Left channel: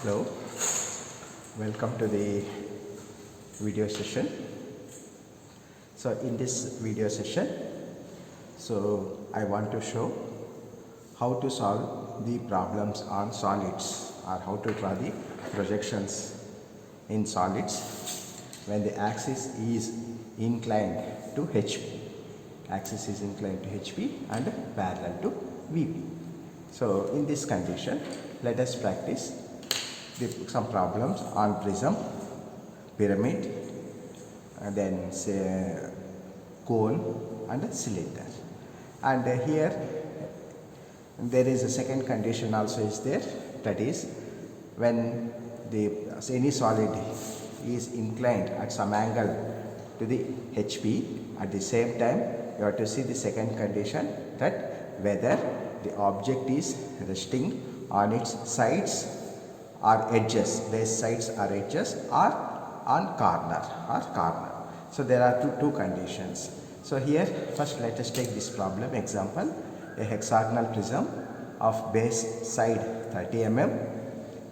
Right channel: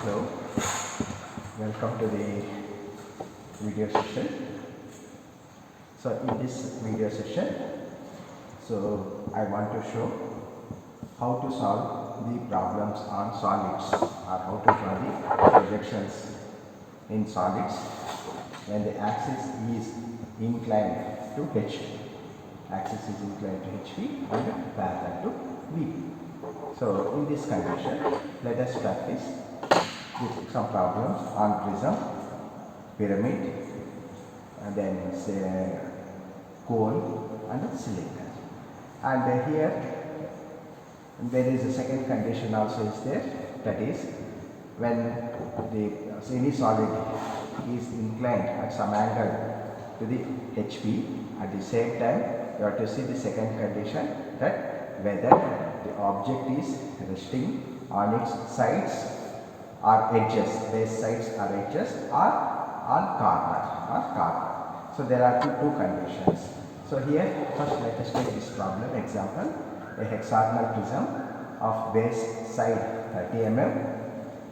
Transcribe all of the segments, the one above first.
Hello, welcome to the video session. So in this video session, I want to show how to solve the problems on solids or how to draw the projections in solids when the axis is inclined to HP. Axis is inclined to HP and parallel to VP. So in this condition, let us practice some problems on prism, pyramid, and then say cone and cylinder. And here there is a second condition also is there, that is when any solid is inclined at some angle to the HP, at the same time you have to see the second condition, that whether the object is resting on its sides or edges, base sides or edges, or on corner. So there are two conditions. So here first let us take this problem example. A hexagonal prism of base side 30 mm,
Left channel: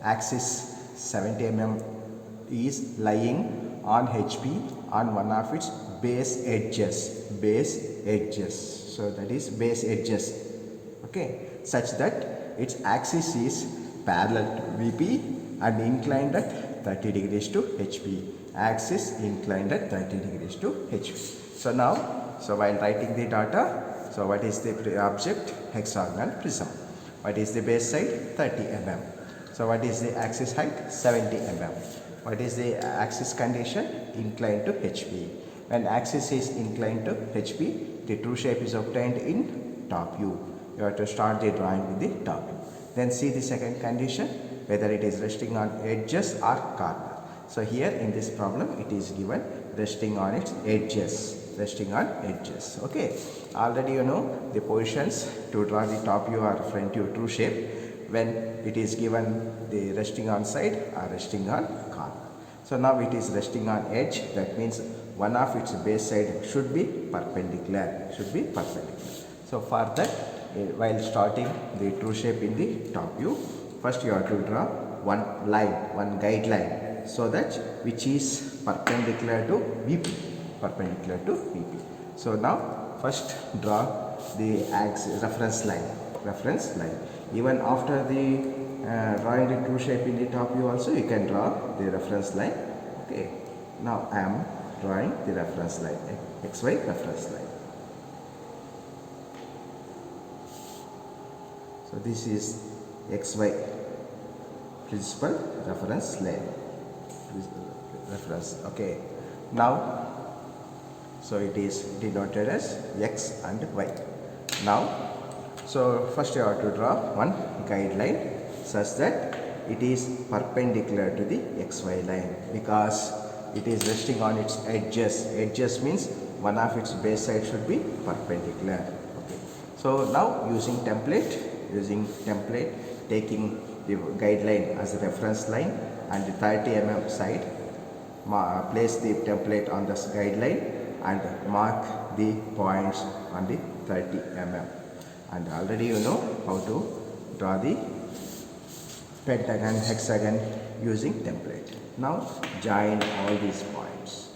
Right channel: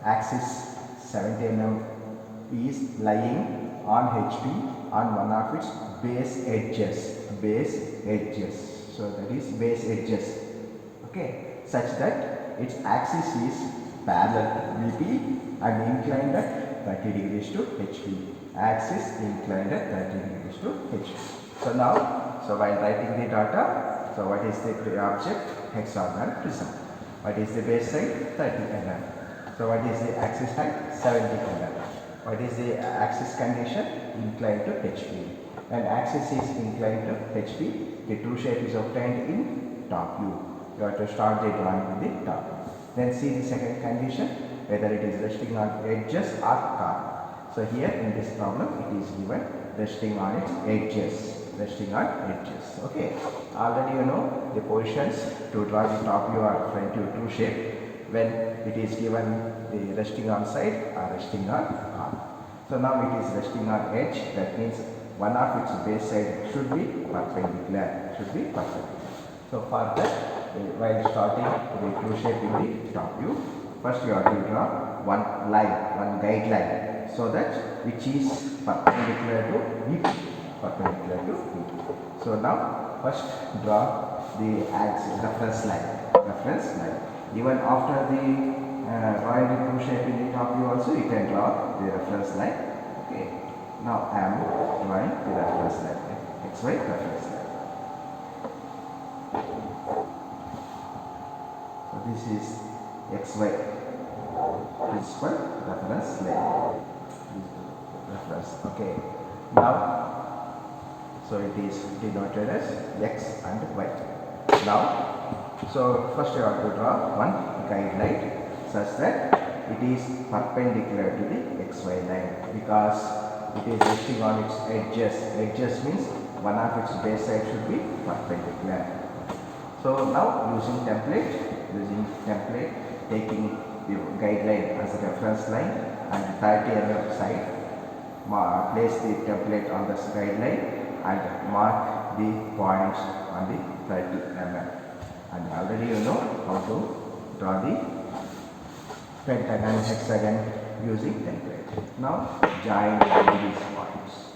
axis 70 mm is lying on HP on one of its base edges. So that is base edges, okay, such that its axis is parallel to VP and inclined at 30 degrees to HP. Axis inclined at 30 degrees to HP. So now, while writing the data, what is the object? Hexagonal prism. What is the base side? 30 mm. So what is the axis height? 70 mm. What is the axis condition? Inclined to HP. When axis is inclined to HP, the true shape is obtained in top view. You have to start the drawing with the top view. Then see the second condition, whether it is resting on edges or corner. So here in this problem it is given resting on its edges. Okay. Already you know the positions to draw the top view or front view true shape when it is given the resting on side or resting on corner. So now it is resting on edge, that means one of its base side should be perpendicular. So for that, while starting the true shape in the top view, first you have to draw one guideline, so that which is perpendicular to VP. So now first draw the reference line. Even after the drawing the true shape in the top view also, you can draw the reference line. Okay. Now I am drawing the reference line, XY reference line. So this is XY principal reference line. Okay. Now, so it is denoted as X and Y. Now, so first you have to draw one guideline such that it is perpendicular to the XY line, because it is resting on its edges. Edges means one of its base side should be perpendicular. So now using template, taking the guideline as a reference line and the 30 mm side, place the template on this guideline and mark the points on the 30 mm. And already you know how to draw the pentagon, hexagon using template. Now join all these points.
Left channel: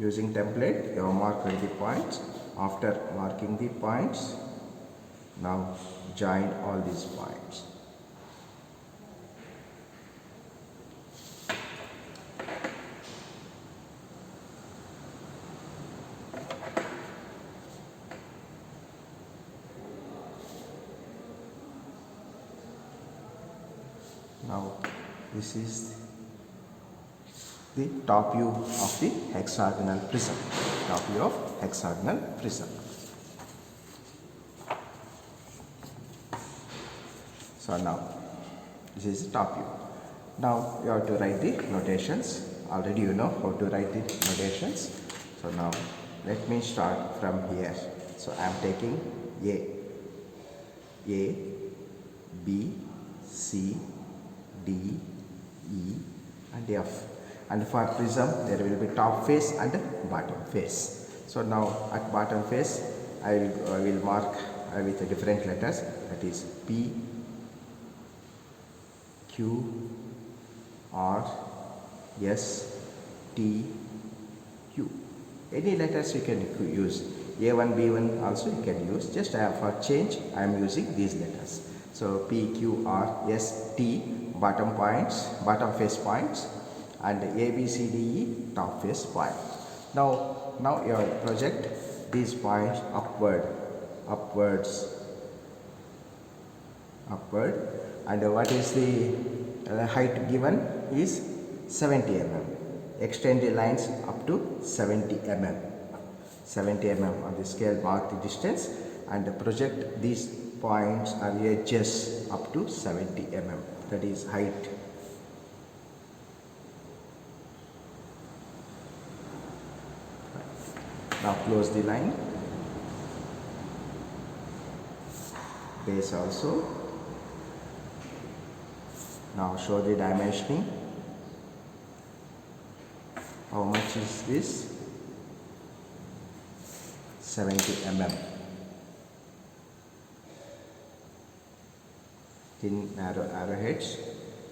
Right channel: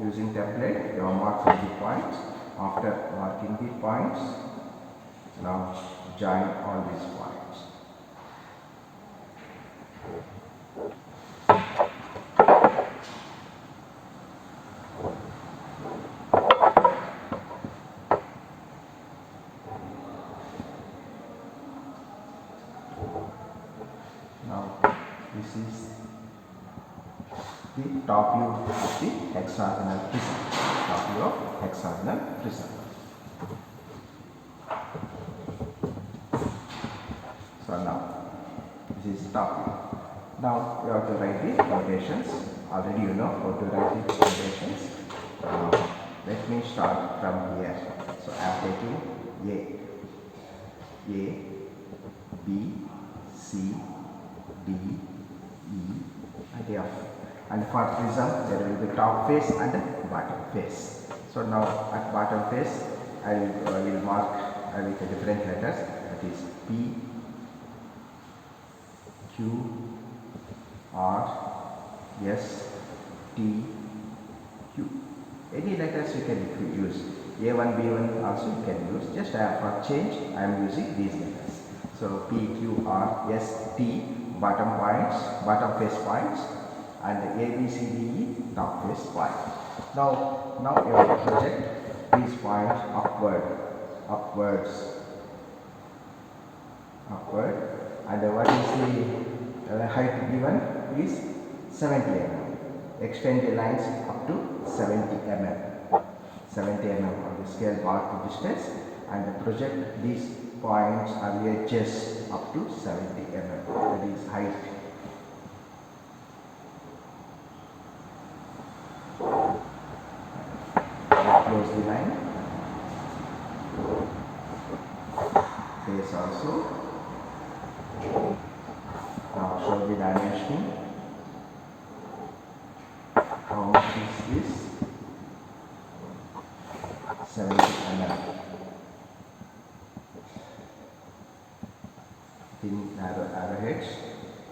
Using template, you have marked all the points. After marking the points, now join all these points. Now this is the top view of the hexagonal prism. So now this is the top view. Now you have to write the notations. Already you know how to write the notations. So now let me start from here. So I am taking A, B, C, D, E and F. And for prism there will be top face and bottom face. So now at bottom face I will mark with different letters, that is P, Q, R, S, T, Q. Any letters you can use. A1, B1 also you can use. Just for change, I am using these letters. So P, Q, R, S, T, bottom points, bottom face points, and A, B, C, D, E, top face point. Now you have to project these points upwards, and what is the height given is 70 mm. Extend the lines up to 70 mm. 70 mm on the scale, mark the distance and project these points or edges up to 70 mm. That is height. Now close the line. Base also. Now show the dimensioning. How much is this? 70 mm. Thin arrowheads,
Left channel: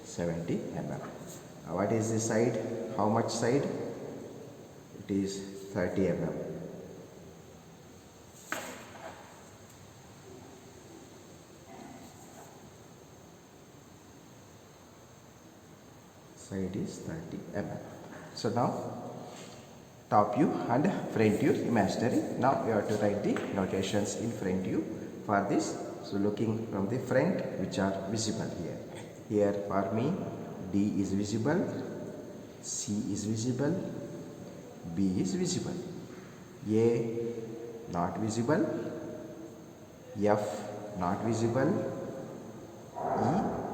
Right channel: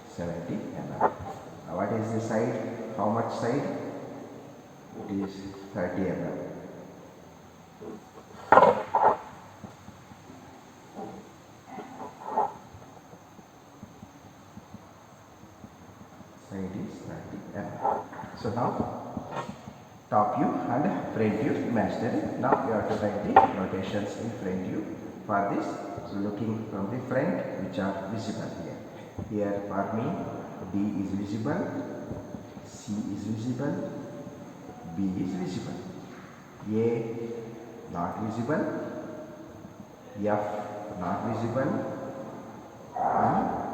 70 mm. What is the side? How much side? It is 30 mm. Side is 30 mm. So now top view and front view imaginary. Now you have to write the notations in front view for this. So looking from the front, which are visible here. Here for me, D is visible, C is visible, B is visible, A not visible, F not visible, E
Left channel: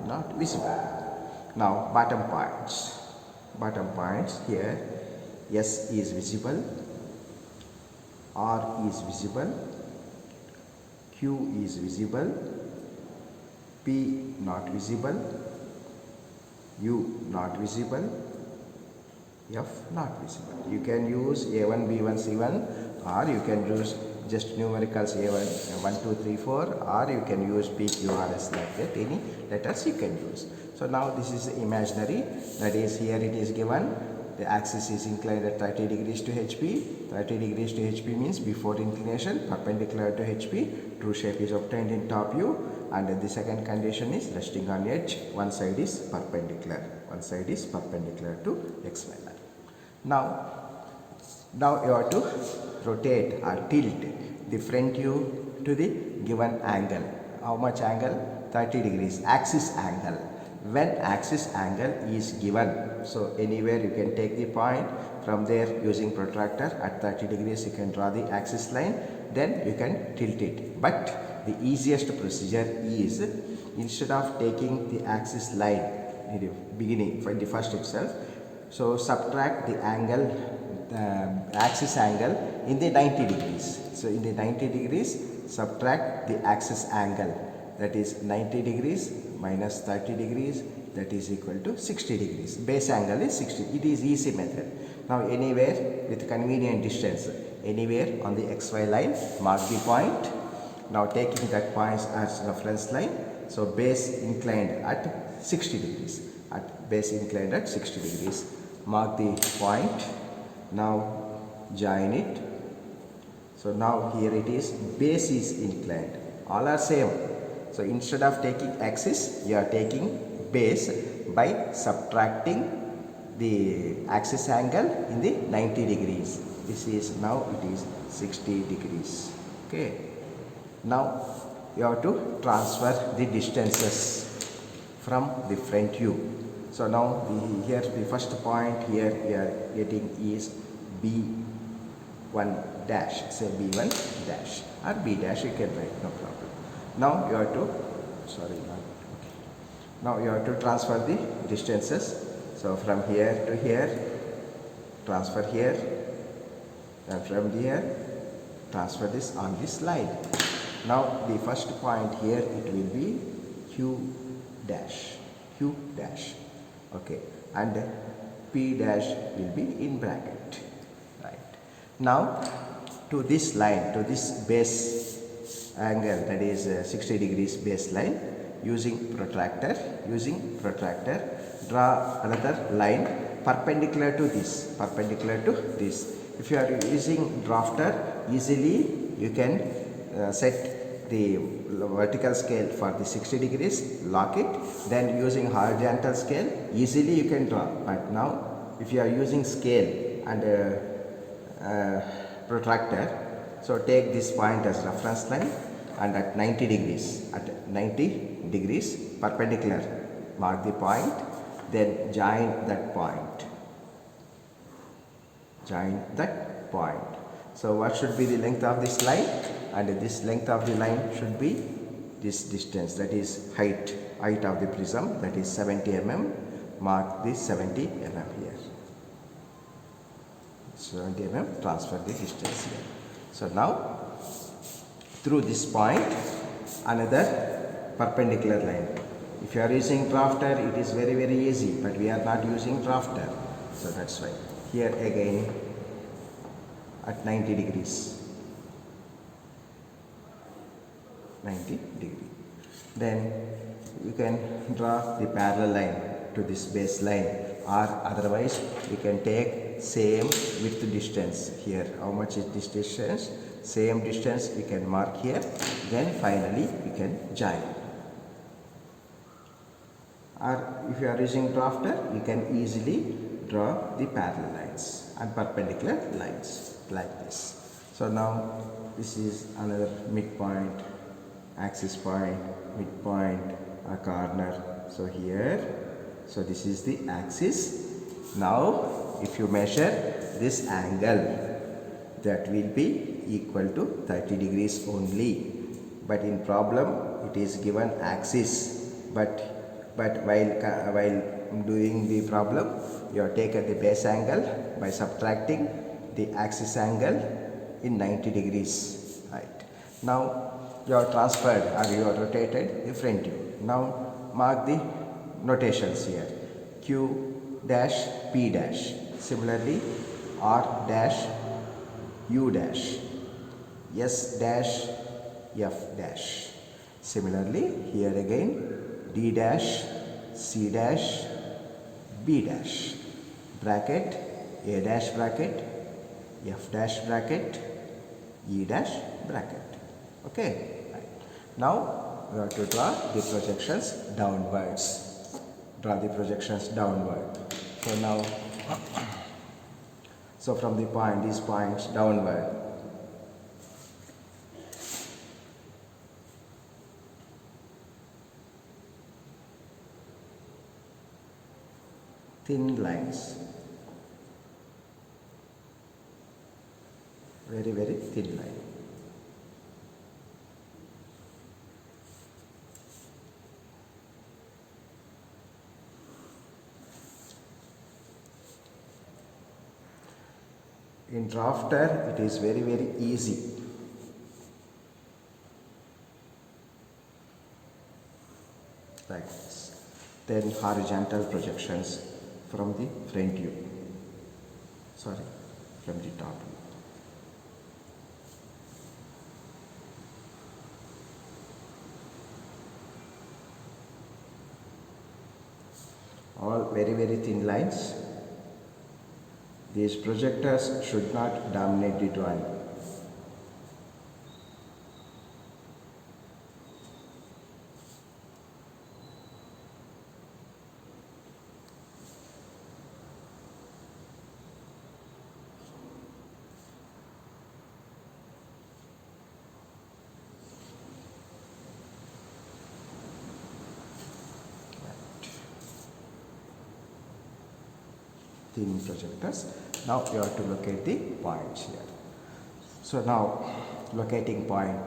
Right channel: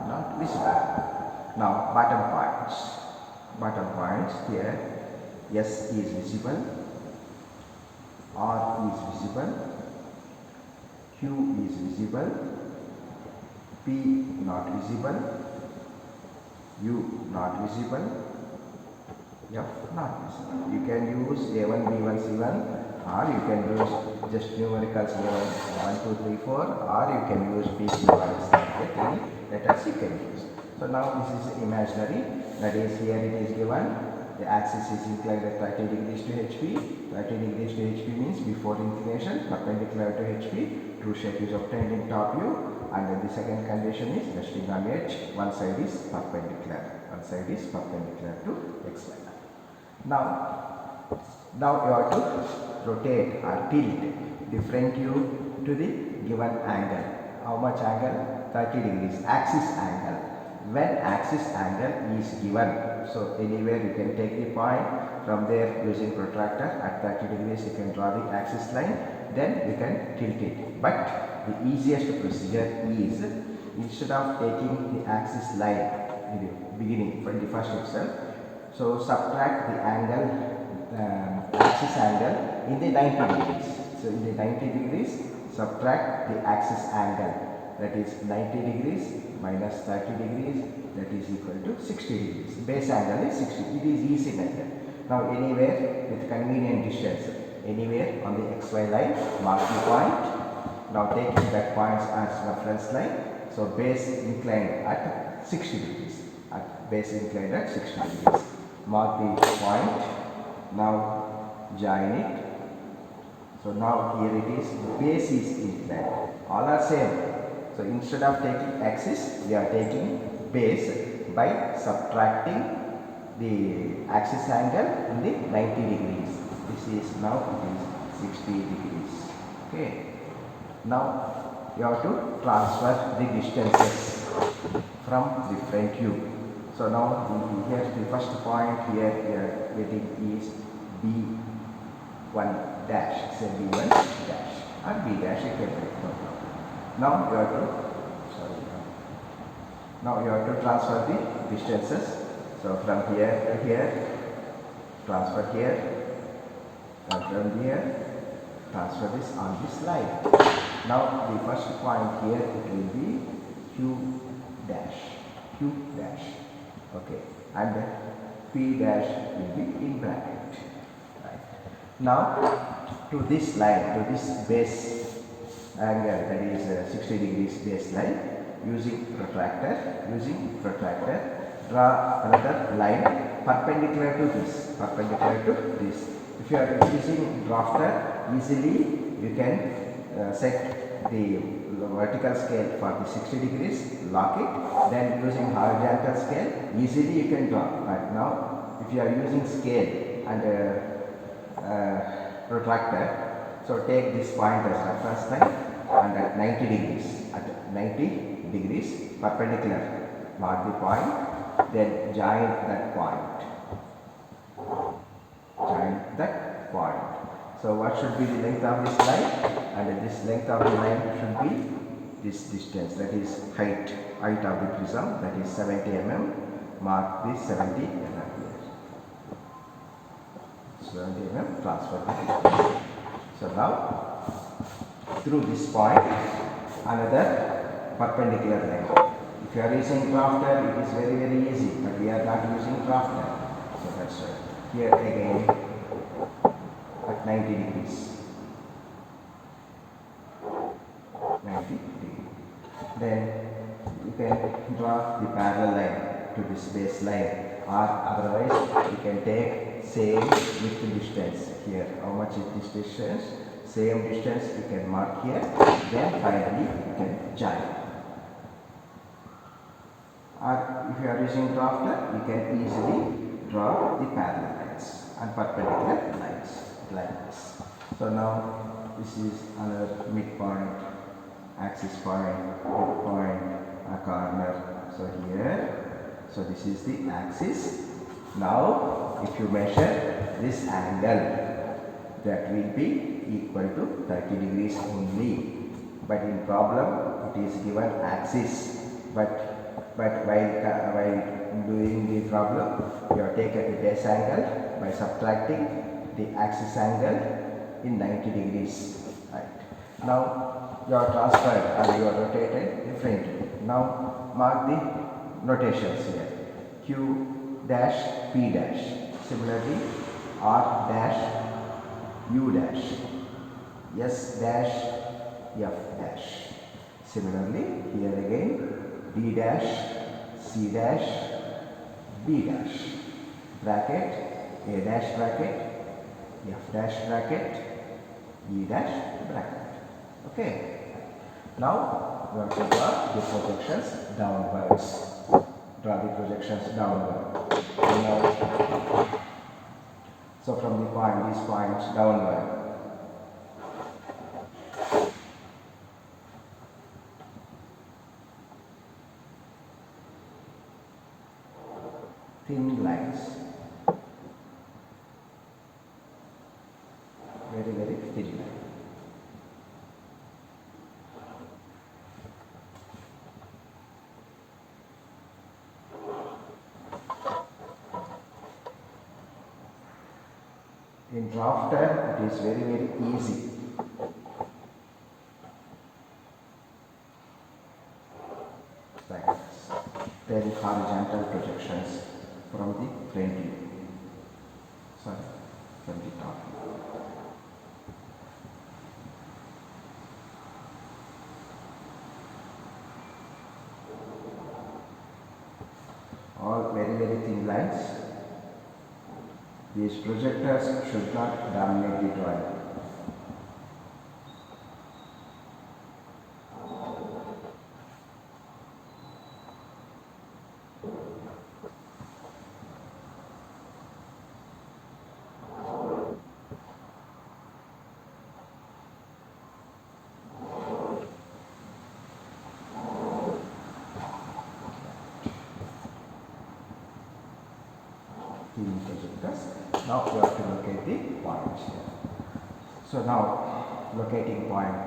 not visible. Now bottom points here. S is visible, R is visible, Q is visible, P not visible, U not visible, F not visible. You can use A1, B1, C1, or you can use just numericals A1, 1, 2, 3, 4, or you can use P, Q, R, S like that. Any letters you can use. So now this is imaginary. That is, here it is given. The axis is inclined at 30 degrees to HP. 30 degrees to HP means before inclination, perpendicular to HP. True shape is obtained in top view. And the second condition is resting on edge. One side is perpendicular. One side is perpendicular to XY line. Now you have to rotate or tilt the front view to the given angle. How much angle? 30 degrees. Axis angle. When axis angle is given, so anywhere you can take the point, from there using protractor at 30 degrees you can draw the axis line, then you can tilt it. But the easiest procedure is, instead of taking the axis line in the beginning from the first itself, so subtract the angle, axis angle in the 90 degrees. So in the 90 degrees subtract the axis angle, that is 90 degrees minus 30 degrees, that is equal to 60 degrees. Base angle is 60. It is easy method. Now anywhere with convenient distance, anywhere on the XY line, mark the point. Now taking that point as reference line. So base inclined at 60 degrees. At base inclined at 60 degrees. Mark the point. Now join it. So now here it is, base is inclined. All are same. So instead of taking axis, you are taking base by subtracting the axis angle in the 90 degrees. This is now it is 60 degrees. Okay. Now you have to transfer the distances from the front view. So now here the first point here we are getting is B1 dash. Say B1 dash or B dash, you can write, no problem. Now you have to transfer the distances. So from here to here, transfer here, and from here, transfer this on this line. Now the first point here, it will be Q dash, okay, and P dash will be in bracket. Right. Now to this line, to this base angle, that is 60 degrees baseline, using protractor draw another line perpendicular to this, if you are using drafter, easily you can set the vertical scale for the 60 degrees, lock it, then using horizontal scale easily you can draw. But now if you are using scale and protractor, so take this point as reference line and at 90 degrees perpendicular, mark the point, then join that point. So what should be the length of this line? And this length of the line should be this distance, that is height of the prism, that is 70 mm. Mark this 70 mm here. 70 mm, transfer the distance. So now through this point another perpendicular line. If you are using drafter, it is very easy, but we are not using drafter, so that's why. Here again at 90 degrees. 90 degree. Then you can draw the parallel line to this base line, or otherwise you can take same width distance here. How much is this distance? Same distance you can mark here. Then finally you can join. Or if you are using drafter, you can easily draw the parallel lines and perpendicular lines like this. So now this is another midpoint, axis point, midpoint, a corner. So here, so this is the axis. Now if you measure this angle, that will be equal to 30 degrees only. But in problem it is given axis, but while doing the problem, you have taken the base angle by subtracting the axis angle in 90 degrees. Right. Now you are transferred or you are rotated the front view. Now mark the notations here. Q dash P dash. Similarly R dash U dash. S dash F dash. Similarly here again D dash, C dash, B dash, bracket, A dash bracket, F dash bracket, E dash bracket. Okay. Now we have to draw the projections downwards. Draw the projections downward. So from the point, these points downward. Thin lines, very thin line. In drafter, it is very easy. Like this. Then horizontal projections from the front view, from the top. All very thin lines. These projectors should not dominate the drawing. Thin projectors. Now you have to locate the points here. So now locating point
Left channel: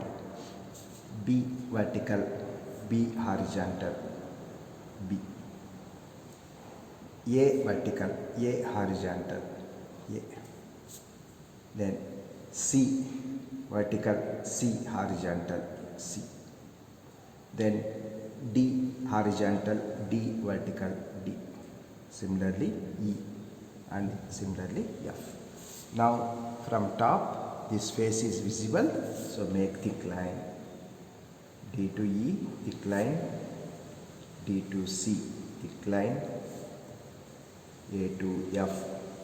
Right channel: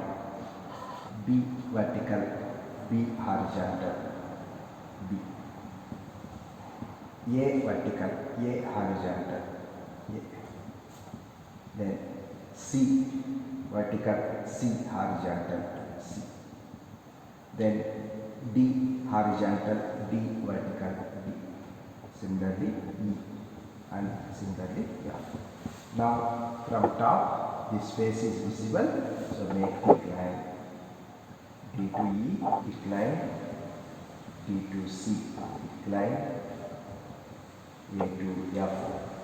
B vertical, B horizontal, B. A vertical, A horizontal, A. Then C vertical, C horizontal, C. Then D horizontal, D vertical, D. Similarly E and similarly F. Now from top this face is visible, so make thick line, D to E, thick line, D to C decline, A to F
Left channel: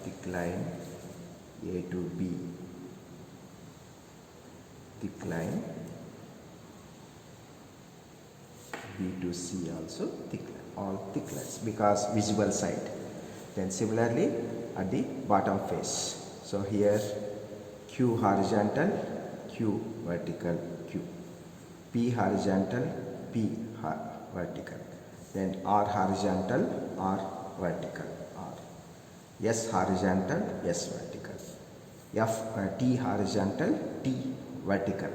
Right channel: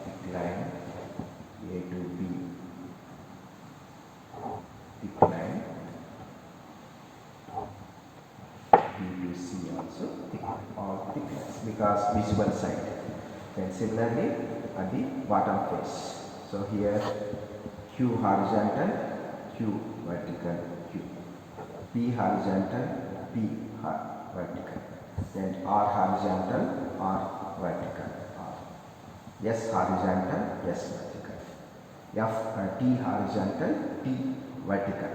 decline, A to B decline, B to C also decline, all declines because visible side. Then similarly at the bottom face. So here Q horizontal, Q vertical, Q. P horizontal, P vertical. Then R horizontal, R vertical, R. S horizontal, S vertical. T horizontal, T vertical.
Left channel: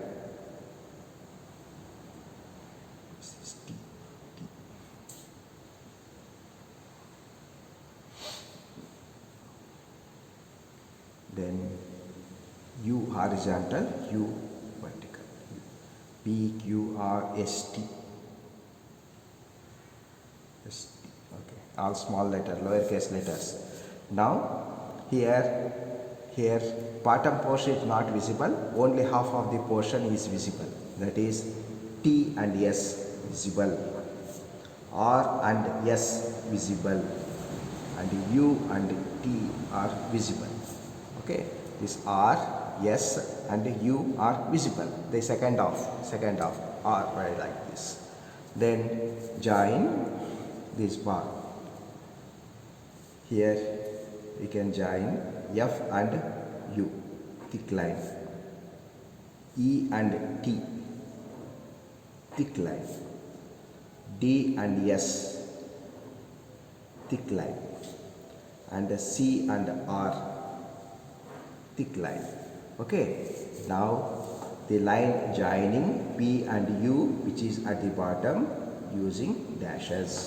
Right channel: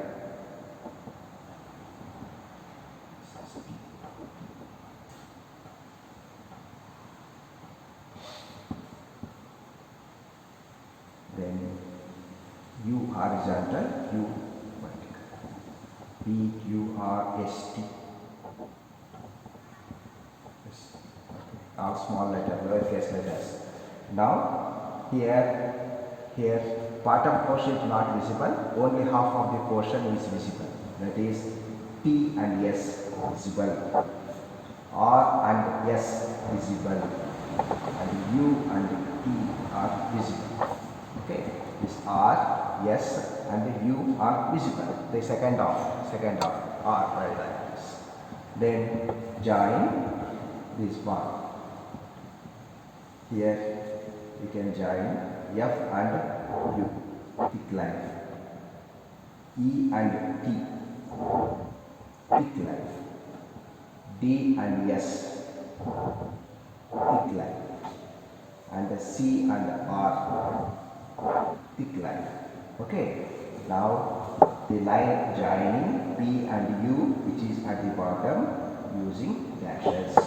Then U horizontal, U vertical. P, Q, R, S, T. S, T. Okay. All small letters, lowercase letters. Now here bottom portion is not visible, only half of the portion is visible. That is T and S visible, R and S visible, and U and T are visible. Okay, this R, S and U are visible. The second half R like this. Then join this bar. Here we can join F and U, decline. E and T, decline. D and S, decline. And C and R, decline. Okay, now the line joining P and U, which is at the bottom, using dashes,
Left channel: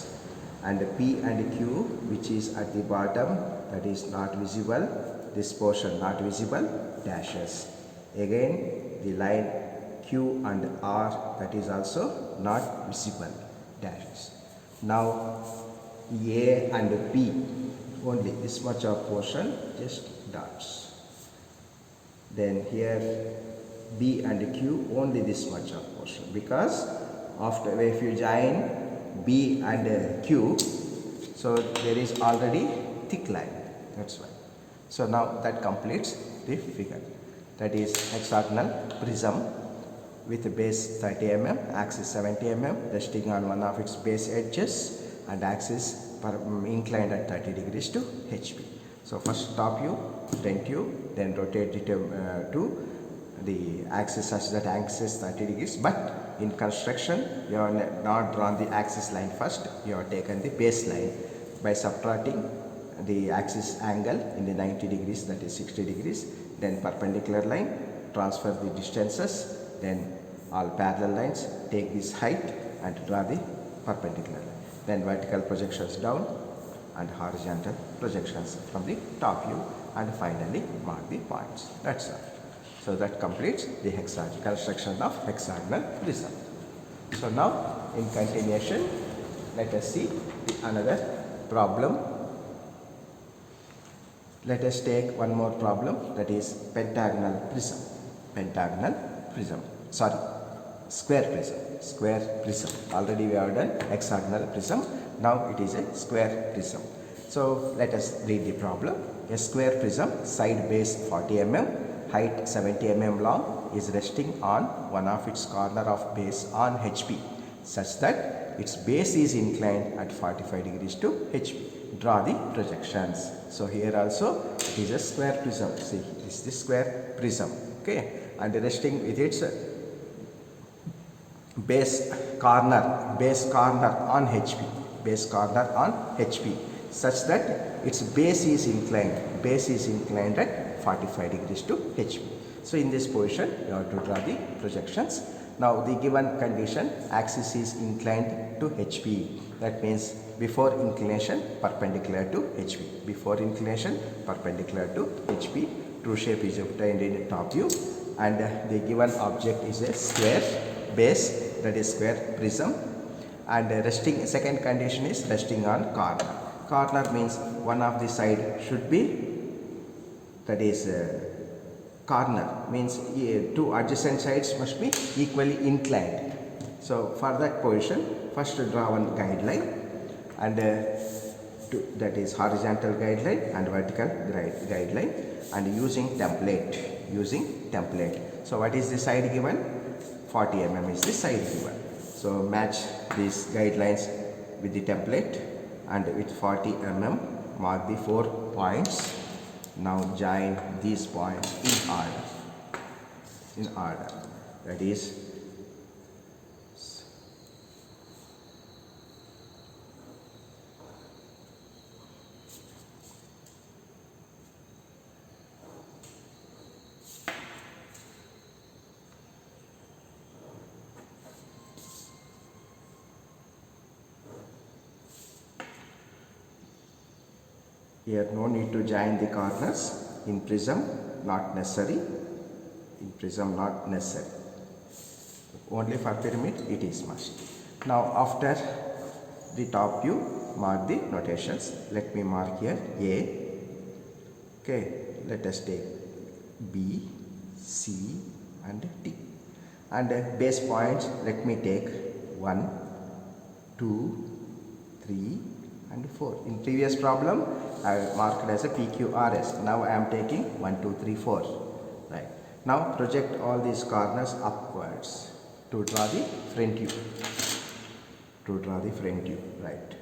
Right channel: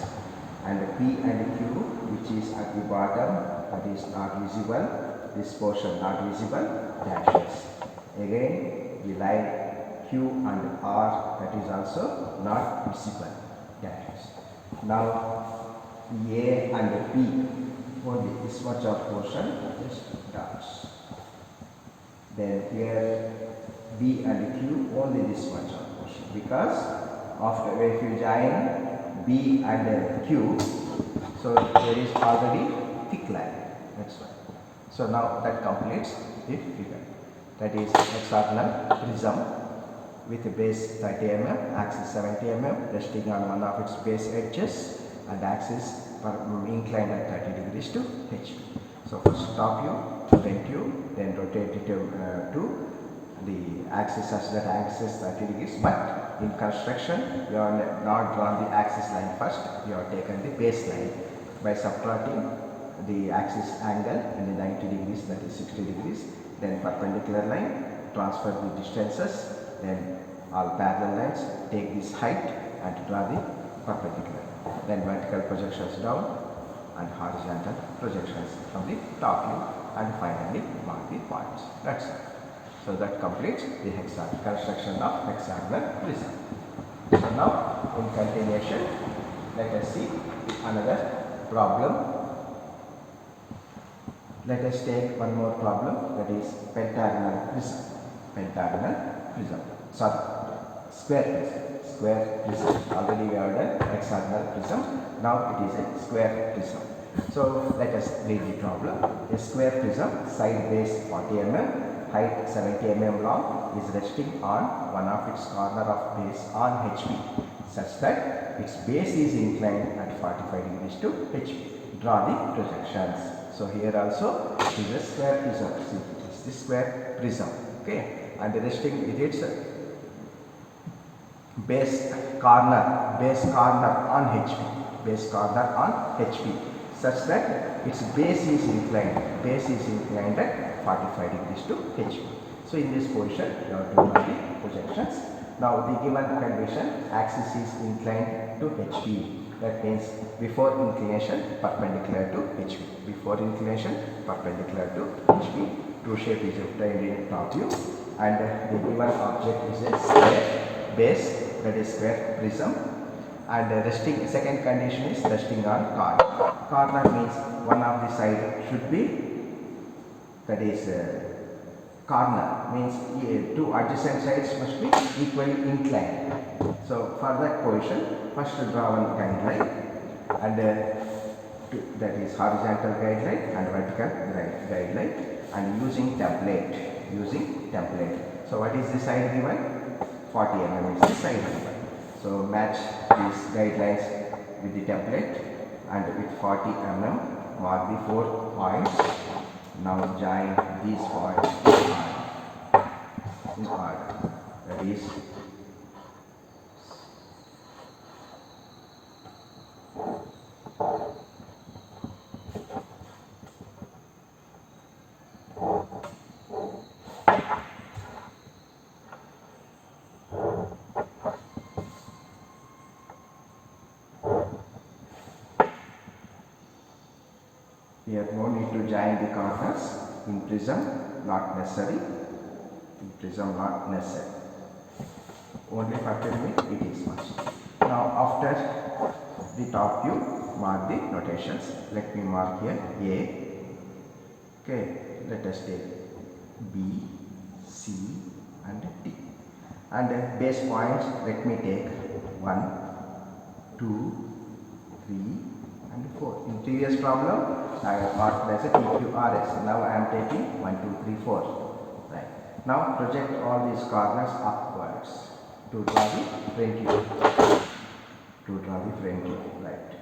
and P and Q, which is at the bottom, that is not visible, this portion not visible, dashes. Again the line Q and R, that is also not visible, dashes. Now A and P, only this much of portion, just dots. Then here B and Q, only this much of portion, because after if you join B and Q, so there is already thick line, that's why. So now that completes the figure. That is hexagonal prism with a base 30 mm, axis 70 mm, resting on one of its base edges, and axis inclined at 30 degrees to HP. So first top view, front view, then rotate it to the axis such that axis 30 degrees. But in construction, you are not drawn the axis line first. You have taken the base line by subtracting the axis angle in the 90 degrees, that is 60 degrees. Then perpendicular line, transfer the distances. Then all parallel lines, take this height and draw the perpendicular. Then vertical projections down and horizontal projections from the top view, and finally mark the points. That's it. So that completes the construction of hexagonal prism. So now in continuation, let us see another problem. Let us take one more problem, that is pentagonal prism. Square prism. Already we have done hexagonal prism. Now it is a square prism. So let us read the problem. A square prism, side base 40 mm, height 70 mm long, is resting on one of its corner of base on HP, such that its base is inclined at 45 degrees to HP. Draw the projections. So here also it is a square prism. See, it is the square prism. Okay, and resting with its base corner on HP, such that its base is inclined at 45 degrees to HP. So in this position you have to draw the projections. Now the given condition, axis is inclined to HP. That means before inclination perpendicular to HP. Before inclination perpendicular to HP. True shape is obtained in top view, and the given object is a square base, that is square prism, and resting, second condition is resting on corner. Corner means one of the side should be, that is corner means two adjacent sides must be equally inclined. So for that position, first draw one guideline, and that is horizontal guideline and vertical guideline, and using template. So what is the side given? 40 mm is the side given. So match these guidelines with the template, and with 40 mm mark the 4 points. Now join these points in order. That is here no need to join the corners in prism, not necessary. In prism, not necessary. Only for pyramid it is must. Now after the top view, mark the notations. Let me mark here A. Okay, let us take B, C and D. And base points, let me take 1, 2, 3 and 4. In previous problem, I marked as a PQRS. Now I am taking 1, 2, 3, 4. Right. Now project all these corners upwards to draw the front view. Right.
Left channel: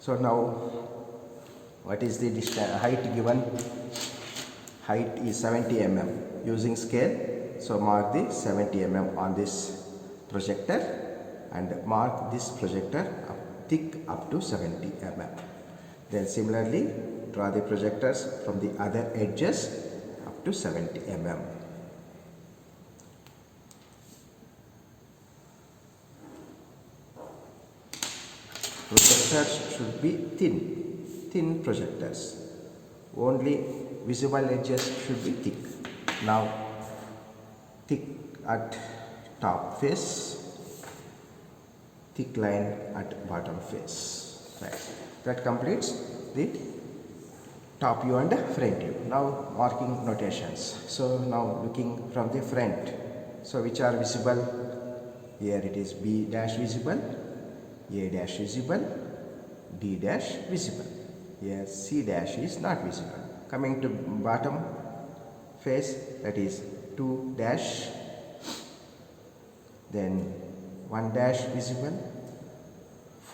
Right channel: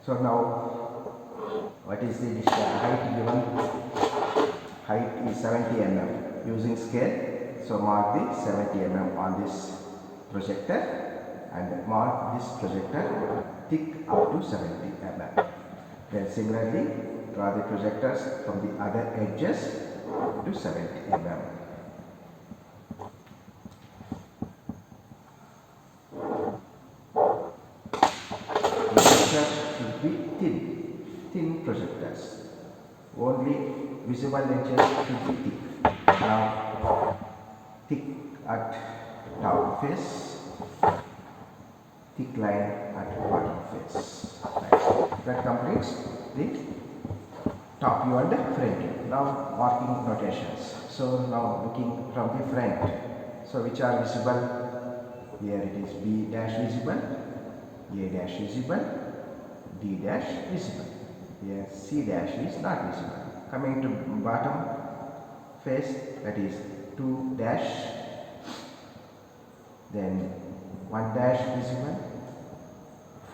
So now, what is the height given? Height is 70 mm. Using scale, so mark the 70 mm on this projector, and mark this projector thick up to 70 mm. Then similarly, draw the projectors from the other edges to 70 mm. Projectors should be thin projectors. Only visible edges should be thick. Now, thick at top face, thick line at bottom face. Right. That completes the top view and front view. Now marking notations. So now looking from the front. So which are visible? Here it is B dash visible, A dash visible, D dash visible. Here C dash is not visible. Coming to bottom face, that is 2 dash, then 1 dash visible,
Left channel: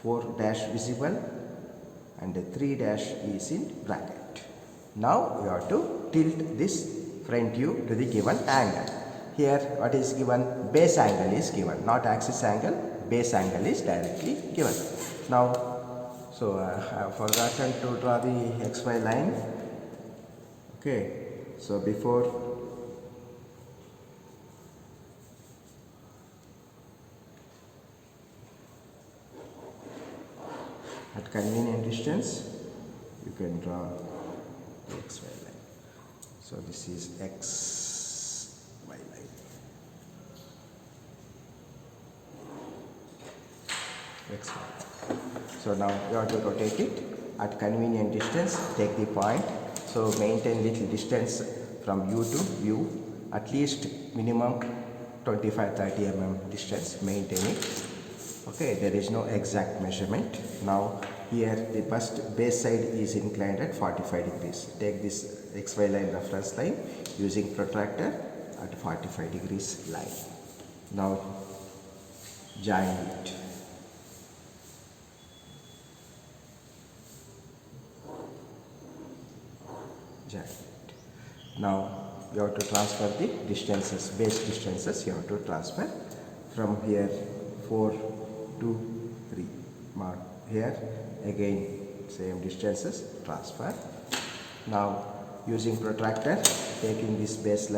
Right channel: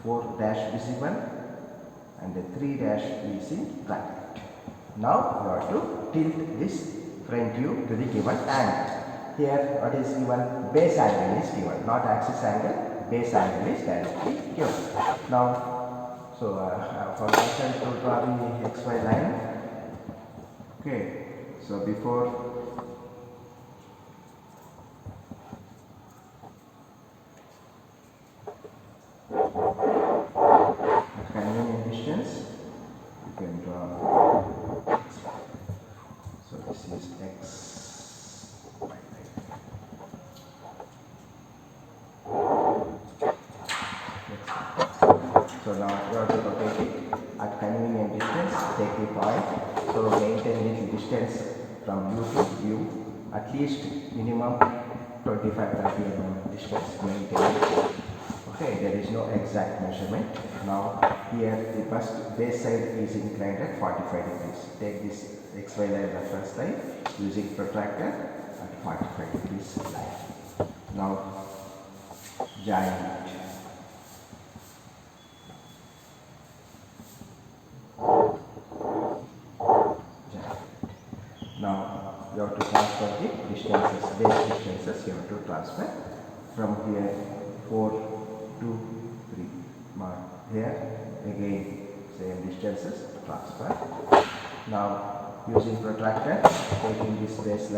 4 dash visible, and 3 dash is in bracket. Now you have to tilt this front view to the given angle. Here what is given? Base angle is given, not axis angle. Base angle is directly given. Now, so for that I will draw the XY line. Okay, so before at convenient distance, you can draw XY. So this is XY line. So now you have to rotate it at convenient distance. Take the point. So maintain little distance from you to you. At least minimum 25-30 mm distance. Maintain it. Okay, there is no exact measurement. Now here the base side is inclined at 45 degrees. Take this XY line reference line using protractor at 45 degrees line. Now join it. Now you have to transfer the distances, base distances you have to transfer from here 4 to 3. Mark here again same distances transfer. Now using protractor, taking this base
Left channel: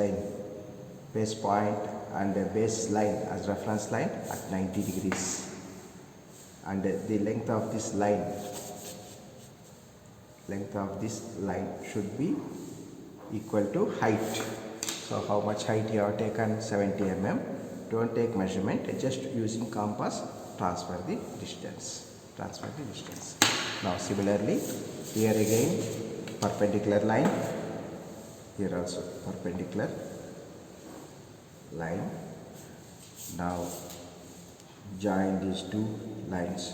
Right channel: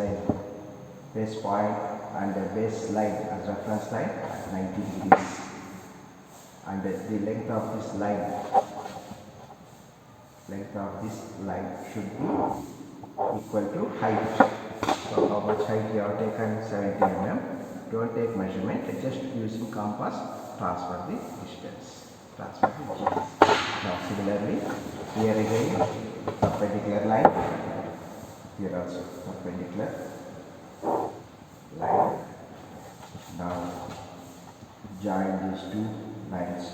point and the base line as reference line at 90 degrees, and the length of this line should be equal to height. So how much height you have taken? 70 mm. Don't take measurement, just using compass transfer the distance. Now similarly, here again perpendicular line, here also perpendicular line. Now join these two lines.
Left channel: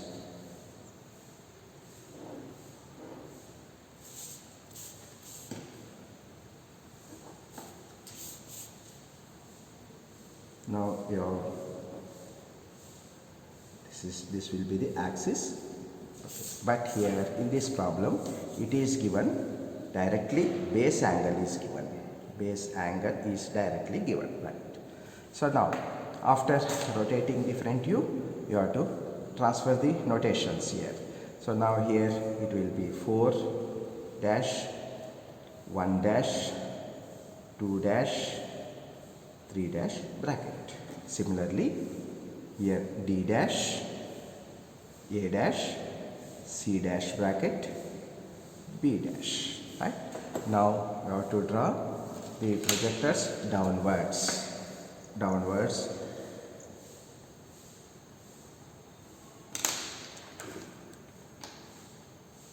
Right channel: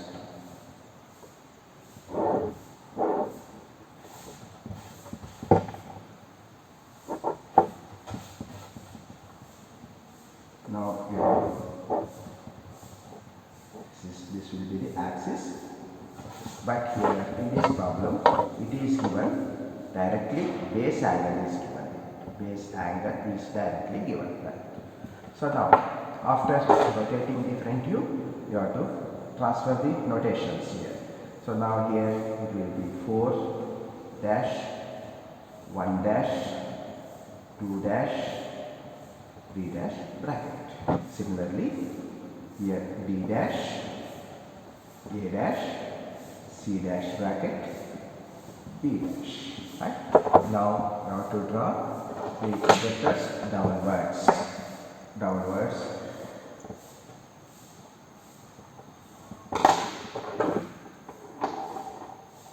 Now this will be the axis, but here in this problem it is given directly base angle is given. Base angle is directly given. So now after rotating the front view, you have to transfer the notations here. So now here it will be 4 dash, 1 dash, 2 dash, 3 dash bracket. Similarly here D dash, A dash, C dash bracket, B dash. Right? Now you have to draw the projectors downwards.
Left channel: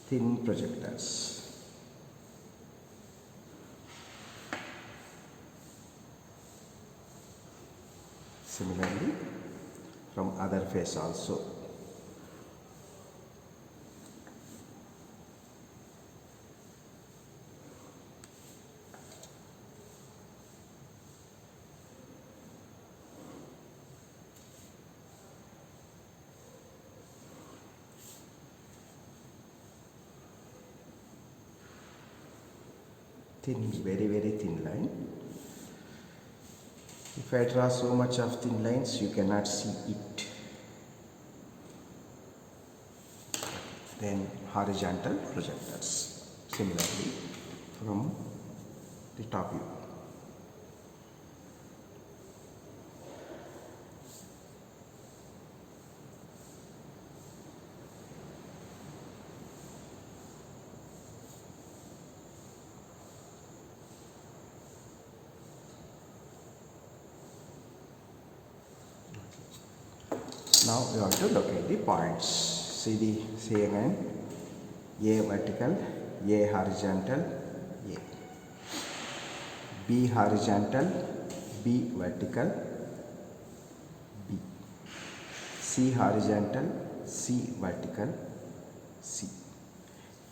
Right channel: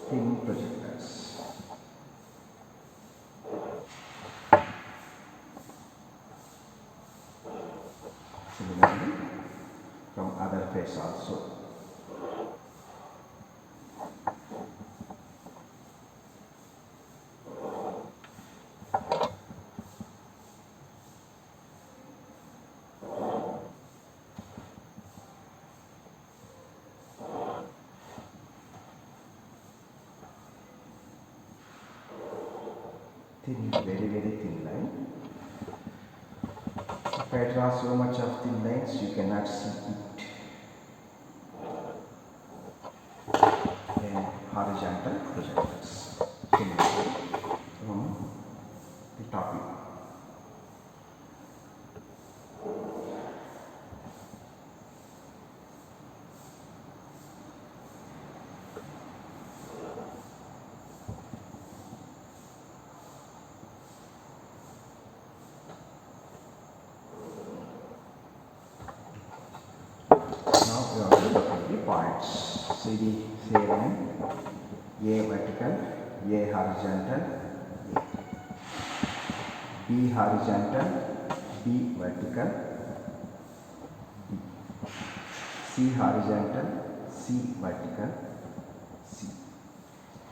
Thin projectors. Similarly from other face also. Thin, very thin line. If I draw so much of thin lines, you cannot see it. Then horizontal projectors. Similarly from the top view. Now we have to look at the points. See the line, A vertical, A horizontal, A. B horizontal, B vertical, B. C horizontal, C vertical, C.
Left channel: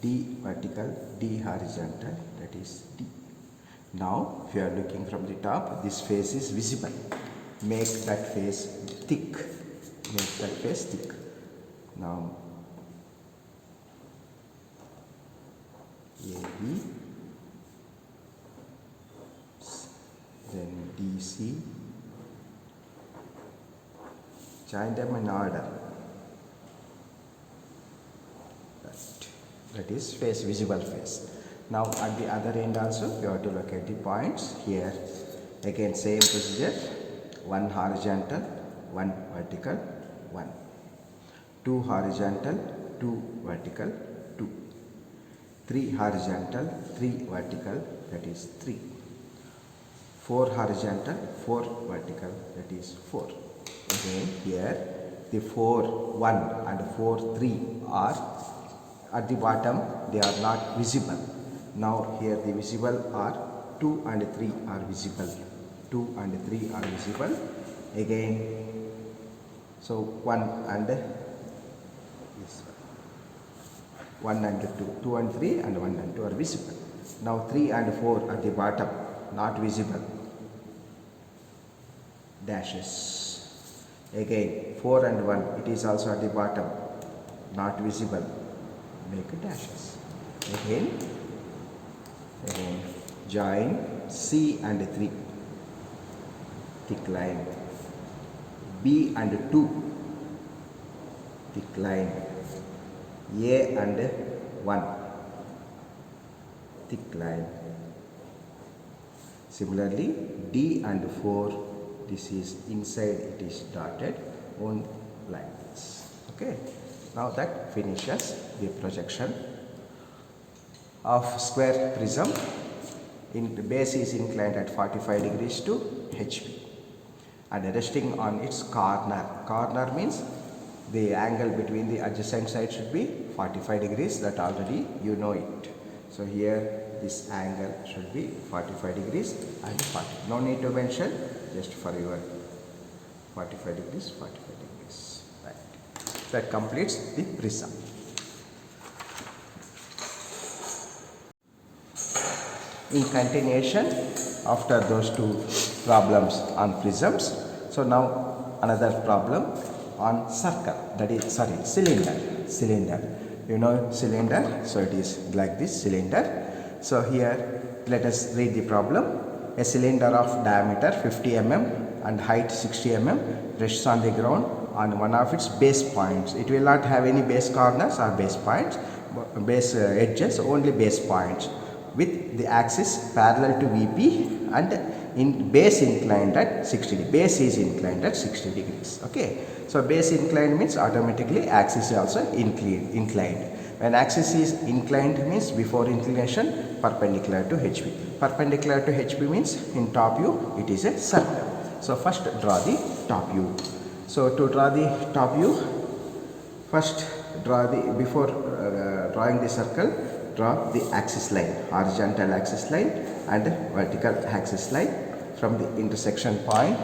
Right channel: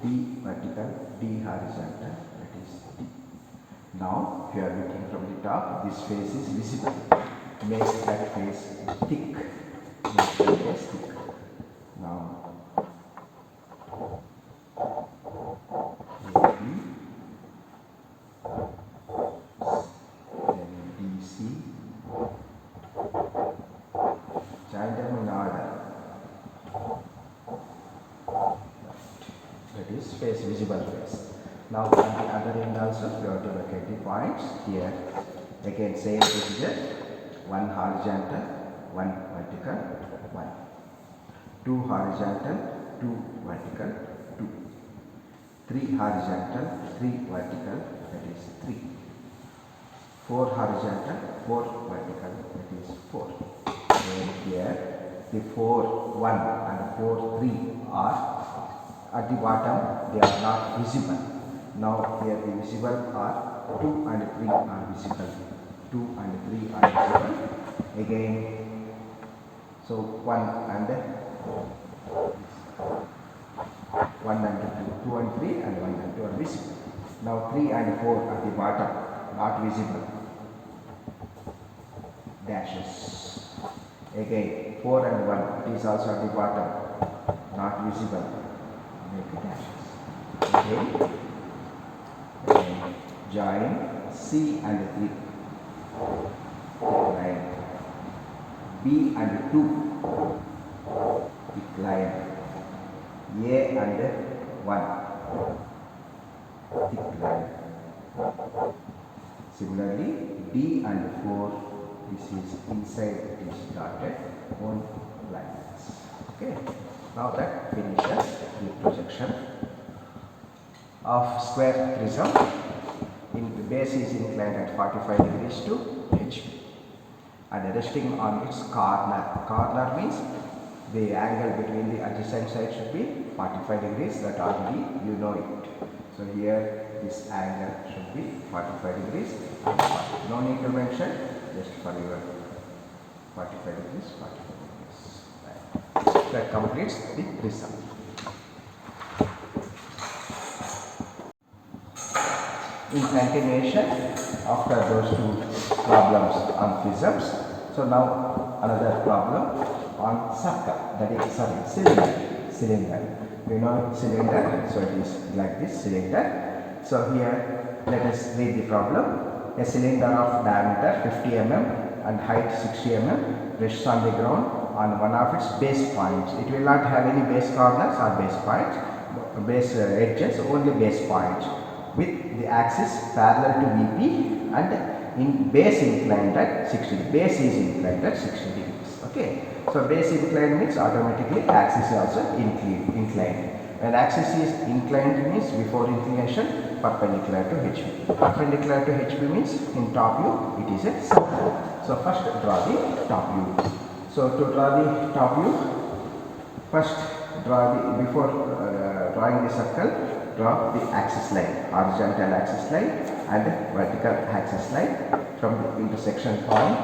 D vertical, D horizontal, that is D. Now if you are looking from the top, this face is visible. Make that face thick. Make that face thick. Now AB, then DC, join them in order. That is face, visible face. Now at the other end also you have to look at the points. Here again same procedure, one horizontal, one vertical, one. Two horizontal, two vertical, two. Three horizontal, three vertical, that is three. Four horizontal, four vertical, that is four. Again here the 4, 1 and 4, 3 are at the bottom, they are not visible. Now here the visible are 2 and 3 are visible. 2 and 3 are visible. Again, so 1 and 2, 2 and 3 and 1 and 2 are visible. Now 3 and 4 at the bottom, not visible. Dashes. Again 4 and 1, it is also at the bottom, not visible. Make dashes. Again join C and 3, thick line. B and 2, thick line. A and 1, thick line. Similarly D and 4, this is inside, it is dotted on lines. Okay. Now that finishes the projection of square prism. The base is inclined at 45 degrees to HV and resting on its corner. Corner means the angle between the adjacent sides should be 45 degrees, that already you know it. So here this angle should be 45 degrees and 40. No need to mention, just for your 45 degrees, 45 degrees. that completes the prism. In continuation, after those two problems on prisms, so now another problem on circle, that is cylinder. You know cylinder, so it is like this cylinder. So here let us read the problem. A cylinder of diameter 50 mm and height 60 mm rests on the ground on one of its base points. It will not have any base corners or base points, base edges, only base points, with the axis parallel to VP and in base inclined at 60 degrees. Base is inclined at 60 degrees. Okay. So base inclined means automatically axis is also inclined. When axis is inclined means before inclination perpendicular to HB. Perpendicular to HB means in top view it is a circle. So first draw the top view. So to draw the top view, first draw the, before drawing the circle, draw the axis line, horizontal axis line and vertical axis line from the intersection point,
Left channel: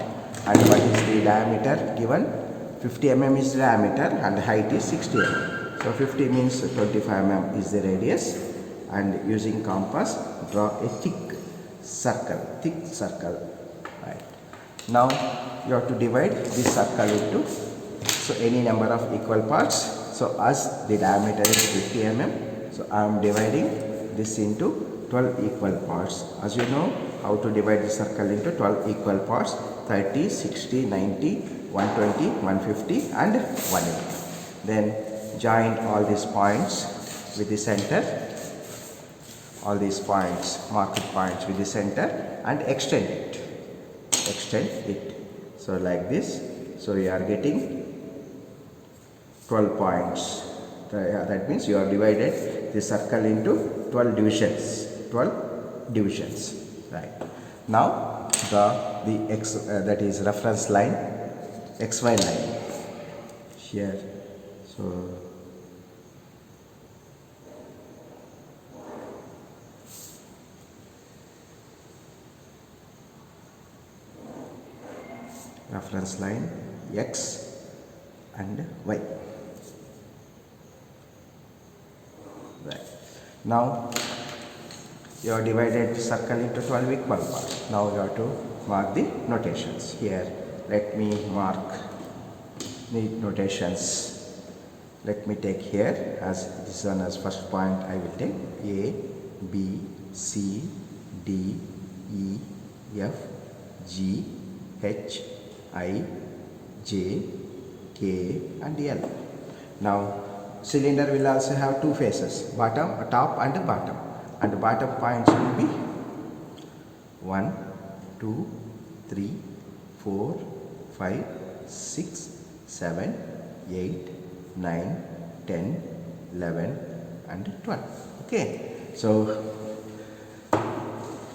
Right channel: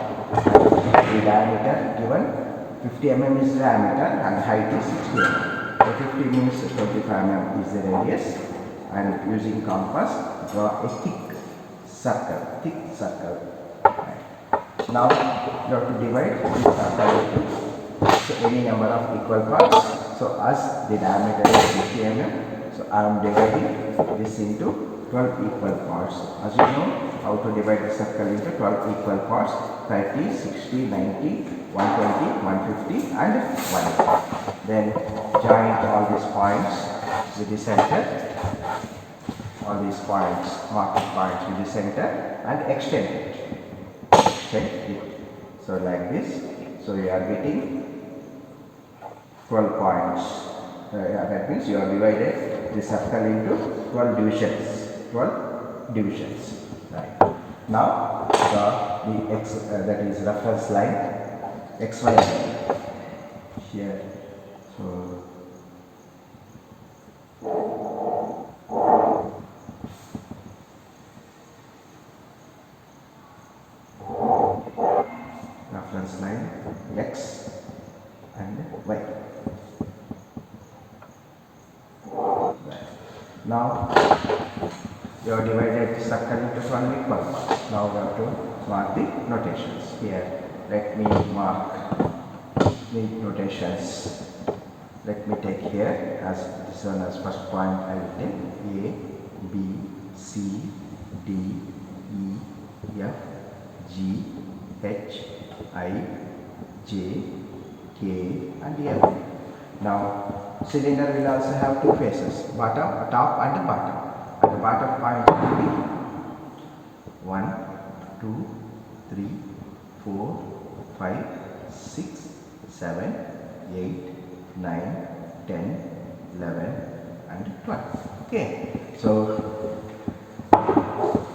and what is the diameter given. 50 mm is diameter and height is 60 mm. So 50 means 25 mm is the radius, and using compass draw a thick circle. Right. Now you have to divide this circle into any number of equal parts. So as the diameter is 50 mm, so I am dividing this into 12 equal parts. As you know how to divide the circle into 12 equal parts: 30, 60, 90, 120, 150 and 180. Then join all these points with the center, all these points, marked points with the center, and extend it. So like this. So you are getting 12 points. That means you have divided the circle into 12 divisions. Right. Now the x, that is reference line, XY line here. So reference line X and Y. Right. Now you have divided the circle into 12 equal parts. Now we have to mark the notations. Here let me mark the notations. Let me take here as this one as first point. I will take A, B, C, D, E, F, G, H, I, J, K and L. Now cylinder will also have two faces, top and bottom. And the bottom points will be 1, 2, 3, 4, 5, 6, 7, 8, 9, 10, 11 and 12. Okay. So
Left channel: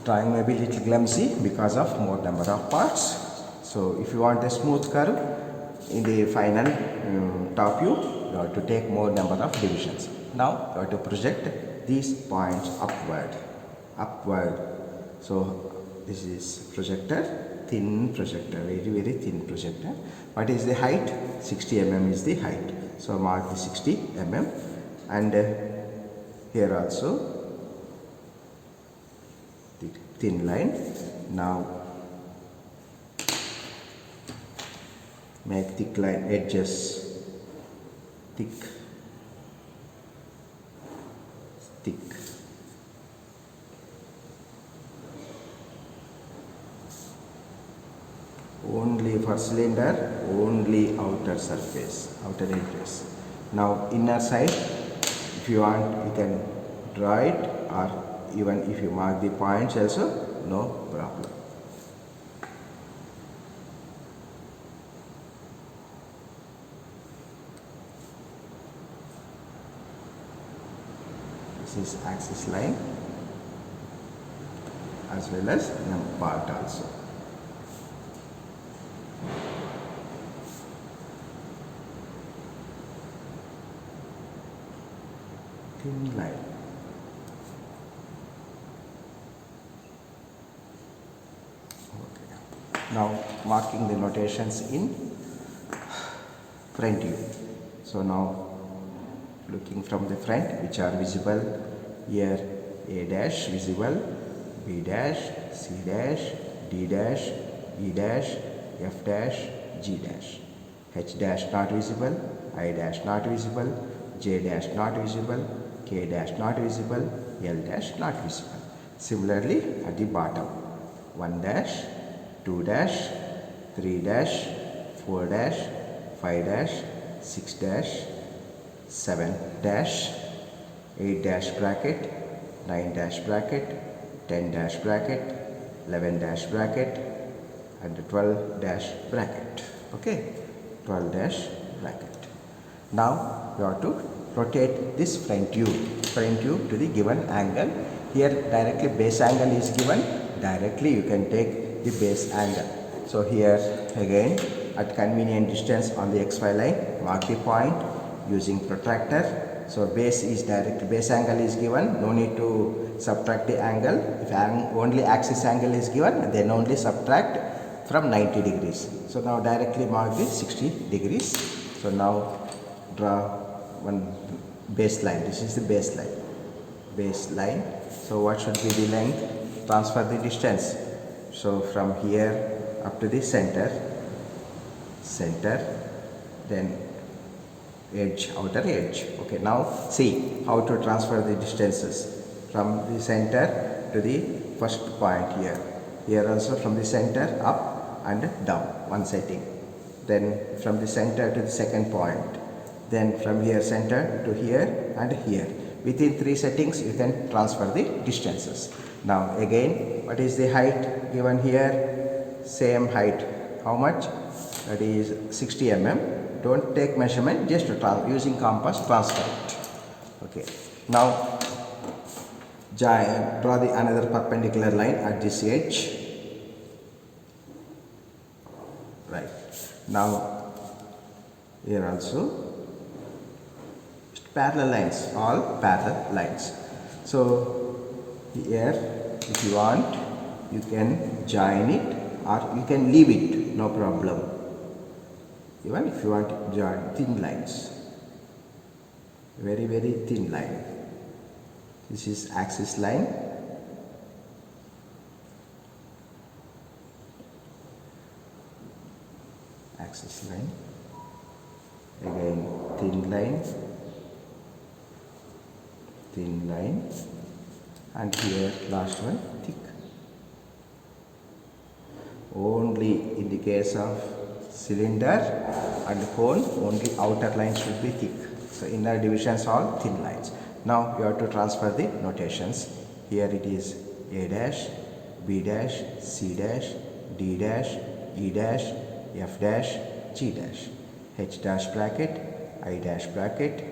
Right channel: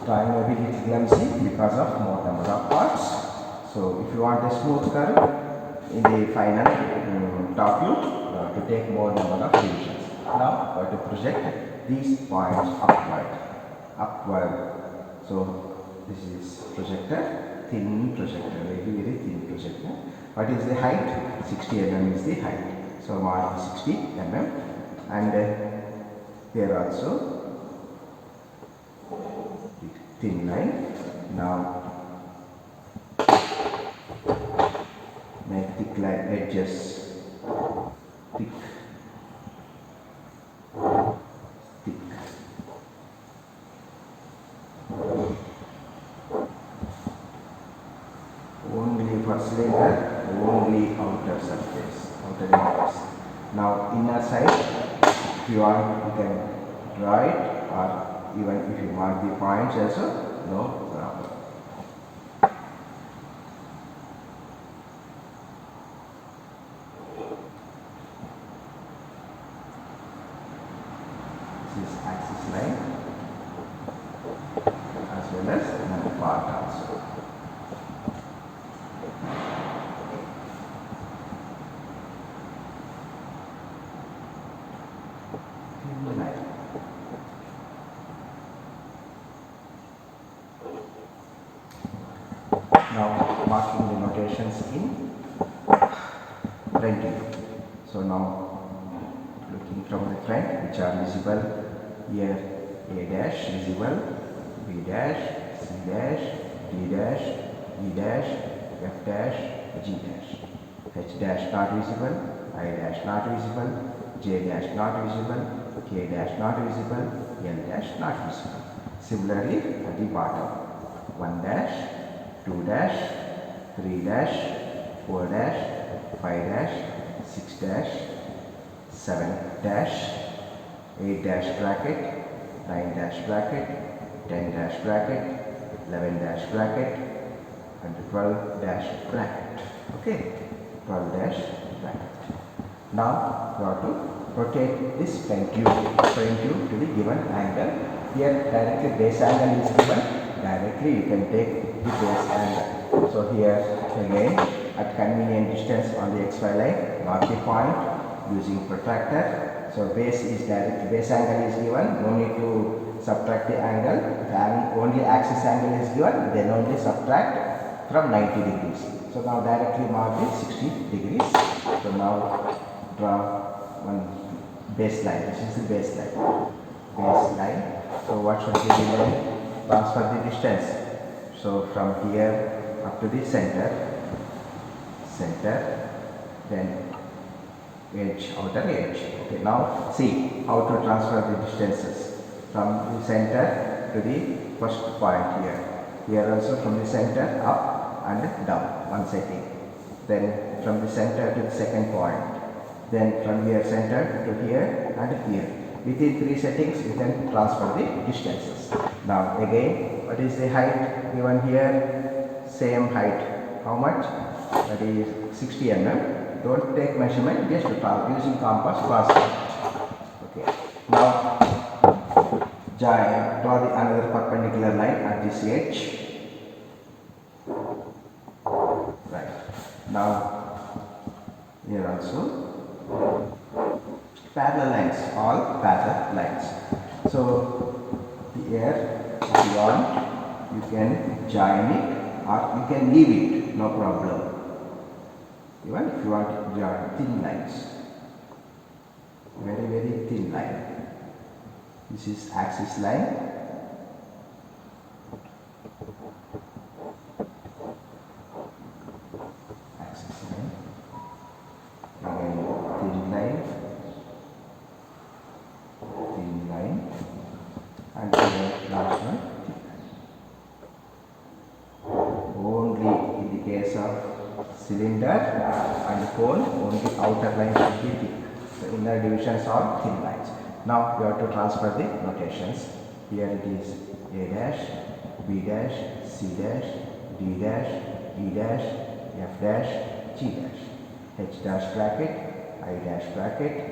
drawing may be little clumsy because of more number of parts. So if you want a smooth curve in the final top view, you have to take more number of divisions. Now you have to project these points upward. So this is projector, thin projector, very thin projector. What is the height? 60 mm is the height. So mark the 60 mm, and here also the thin line. Now make thick line edges, thick. Only for cylinder, only outer surface, outer edges. Now inner side, if you want, you can draw it, or even if you mark the points also, no problem. This is axis line as well as another part also. Thin line. Now marking the notations in front view. So now looking from the front, which are visible here: A dash visible, B dash, C dash, D dash, E dash, F dash, G dash. H dash not visible, I dash not visible, J dash not visible, K dash not visible, L dash not visible. Similarly at the bottom, 1 dash, 2 dash, 3 dash, 4 dash, 5 dash, 6 dash, 7 dash, 8 dash bracket, 9 dash bracket, 10 dash bracket, 11 dash bracket, and 12 dash bracket. Okay, 12 dash bracket. Now you have to rotate this front tube to the given angle. Here directly base angle is given. Directly you can take the base angle. So here again at convenient distance on the XY line, mark the point using protractor. So base angle is given. No need to subtract the angle. If only axis angle is given, then only subtract from 90 degrees. So now directly mark the 60 degrees. So now draw one baseline. This is the baseline. So what should be the length? Transfer the distance. So from here up to the center, then edge, outer edge. Okay, now see how to transfer the distances from the center to the first point here. Here also from the center up and down, one setting. Then from the center to the second point. Then from here center to here and here. Within 3 settings you can transfer the distances. Now again, what is the height given here? Same height. How much? That is 60 mm. Don't take measurement, just using compass transfer. Okay. Now draw the another perpendicular line at this edge. Right. Now here also parallel lines, all parallel lines. So here if you want, you can join it or you can leave it, no problem. Even if you want to join thin lines, very thin line. This is axis line. Again thin line, and here last one thick. Only in the case of cylinder and cone, only outer line should be thick. So inner divisions are thin lines. Now you have to transfer the notations. Here it is A dash, B dash, C dash, D dash, E dash, F dash, G dash, H dash bracket, I dash bracket,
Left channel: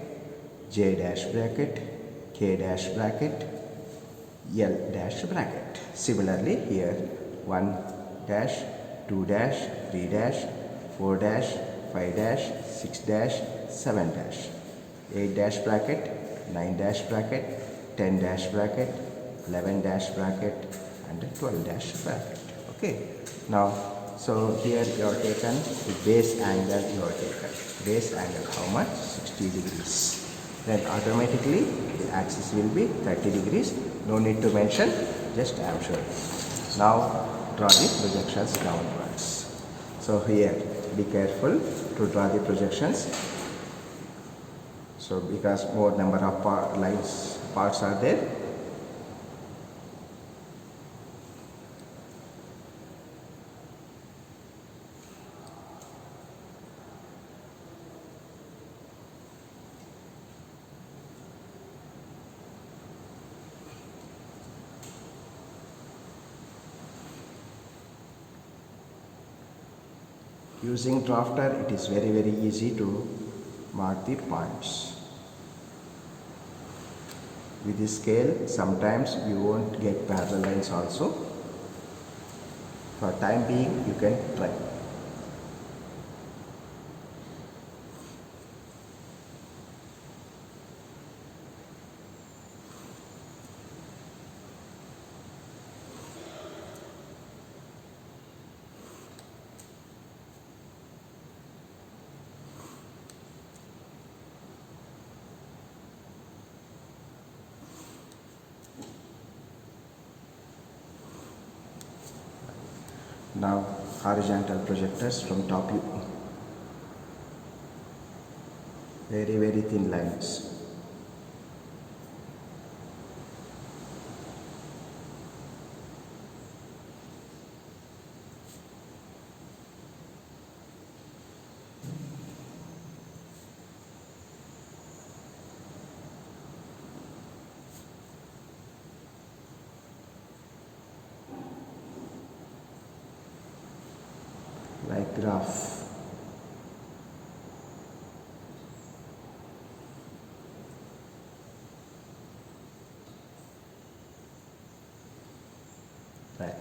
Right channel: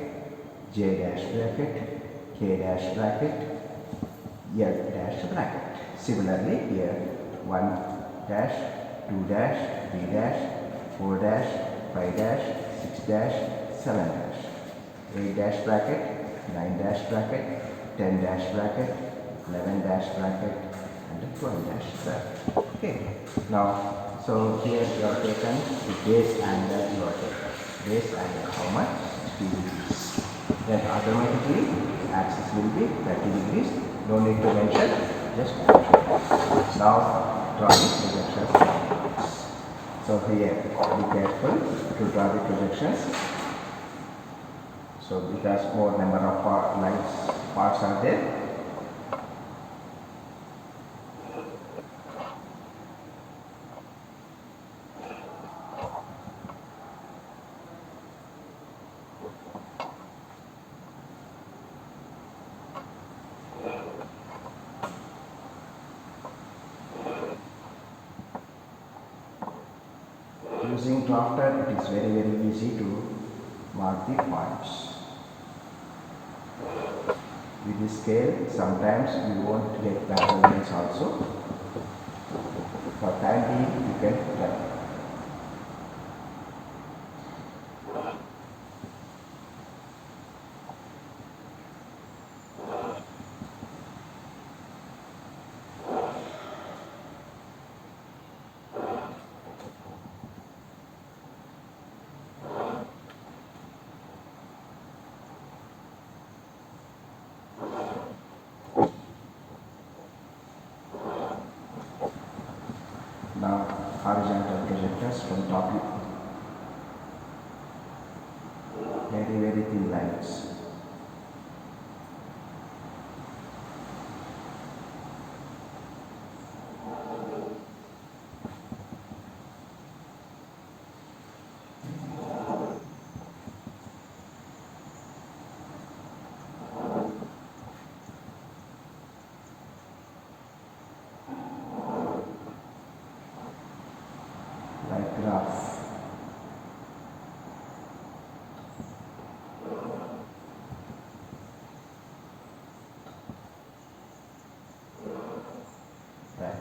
J dash bracket, K dash bracket, L dash bracket. Similarly here 1 dash, 2 dash, 3 dash, 4 dash, 5 dash, 6 dash, 7 dash, 8 dash bracket, 9 dash bracket, 10 dash bracket, 11 dash bracket, and 12 dash bracket. Okay. Now, so here you are taken the base angle. You are taken base angle. How much? 60 degrees. Then automatically the axis will be 30 degrees. No need to mention. Just capture. Now draw the projections downwards. So here, be careful to draw the projections. So because more number of parts are there. Using drafter, it is very easy to mark the points. With the scale, sometimes you won't get parallel lines also. For time being, you can try. Now horizontal projectors from top view. Very thin lines. Like graph. Right.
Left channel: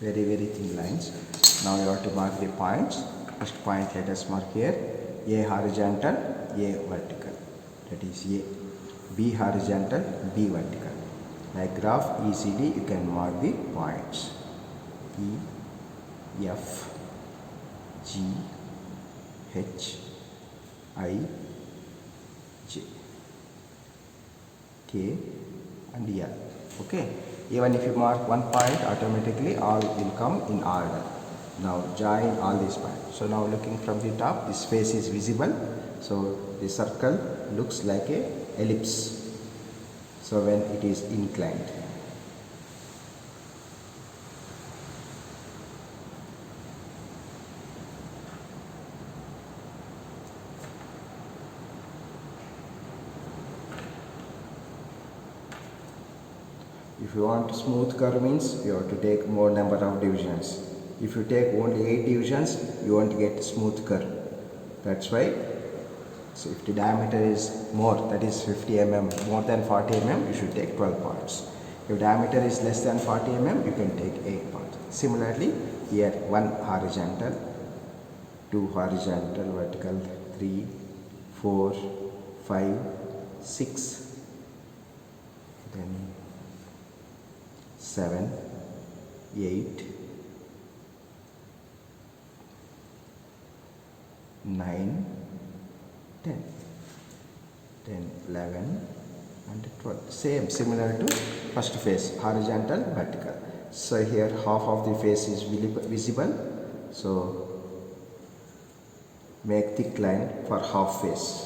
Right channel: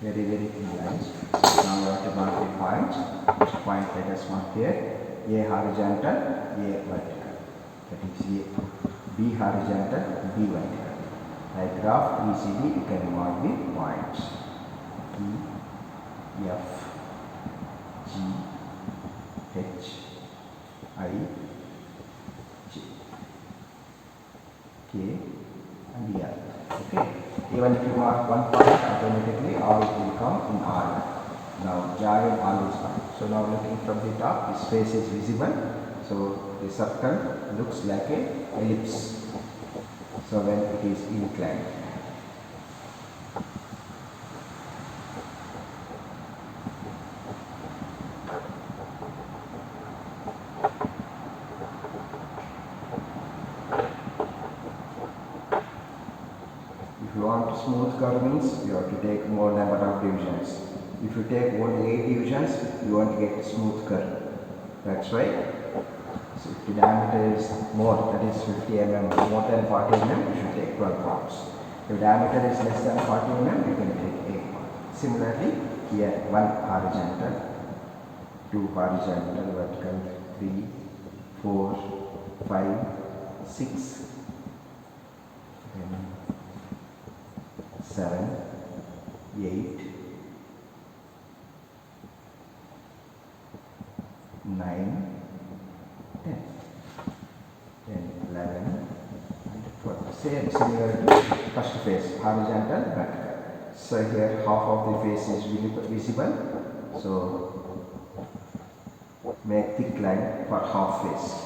Very thin lines. Now we have to mark the points. First point let us mark here. A horizontal, A vertical. That is A. B horizontal, B vertical. Like graph ECD, you can mark the points. E, F, G, H, I, J, K and L. Okay. Even if you mark one point, automatically all will come in order. Now join all these points. So now looking from the top, this face is visible. So the circle looks like a ellipse. So when it is inclined. If you want smooth curve means you have to take more number of divisions. If you take only 8 divisions, you won't get smooth curve. That's why. So if the diameter is more, that is 50 mm, more than 40 mm, you should take 12 parts. If diameter is less than 40 mm, you can take 8 parts. Similarly, here 1 horizontal, 2 horizontal, vertical, 3, 4, 5, 6, then 7, 8, 9, 10, 11 and 12. Same, similar to first face, horizontal, vertical. So here half of the face is visible. So make thick line for half face.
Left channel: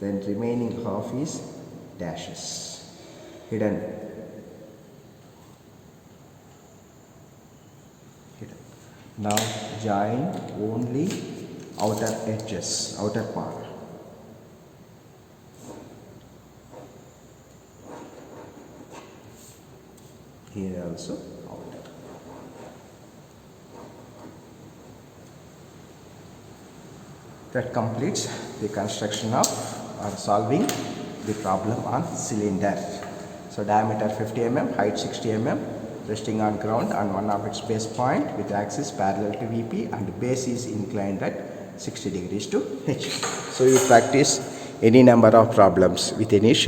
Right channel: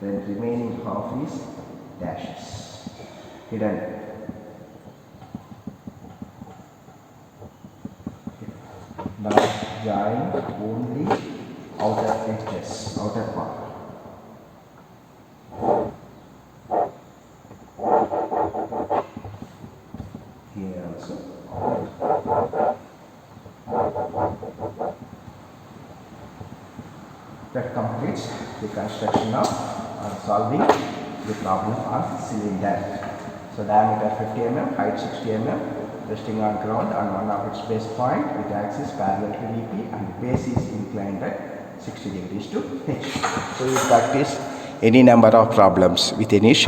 Then remaining half is dashes, hidden. Now join only outer edges, outer part. Here also. That completes the construction of or solving the problem on cylinder. So diameter 50 mm, height 60 mm, resting on ground on one of its base point with axis parallel to VP and base is inclined at 60 degrees to H. So you practice any number of problems with any shape.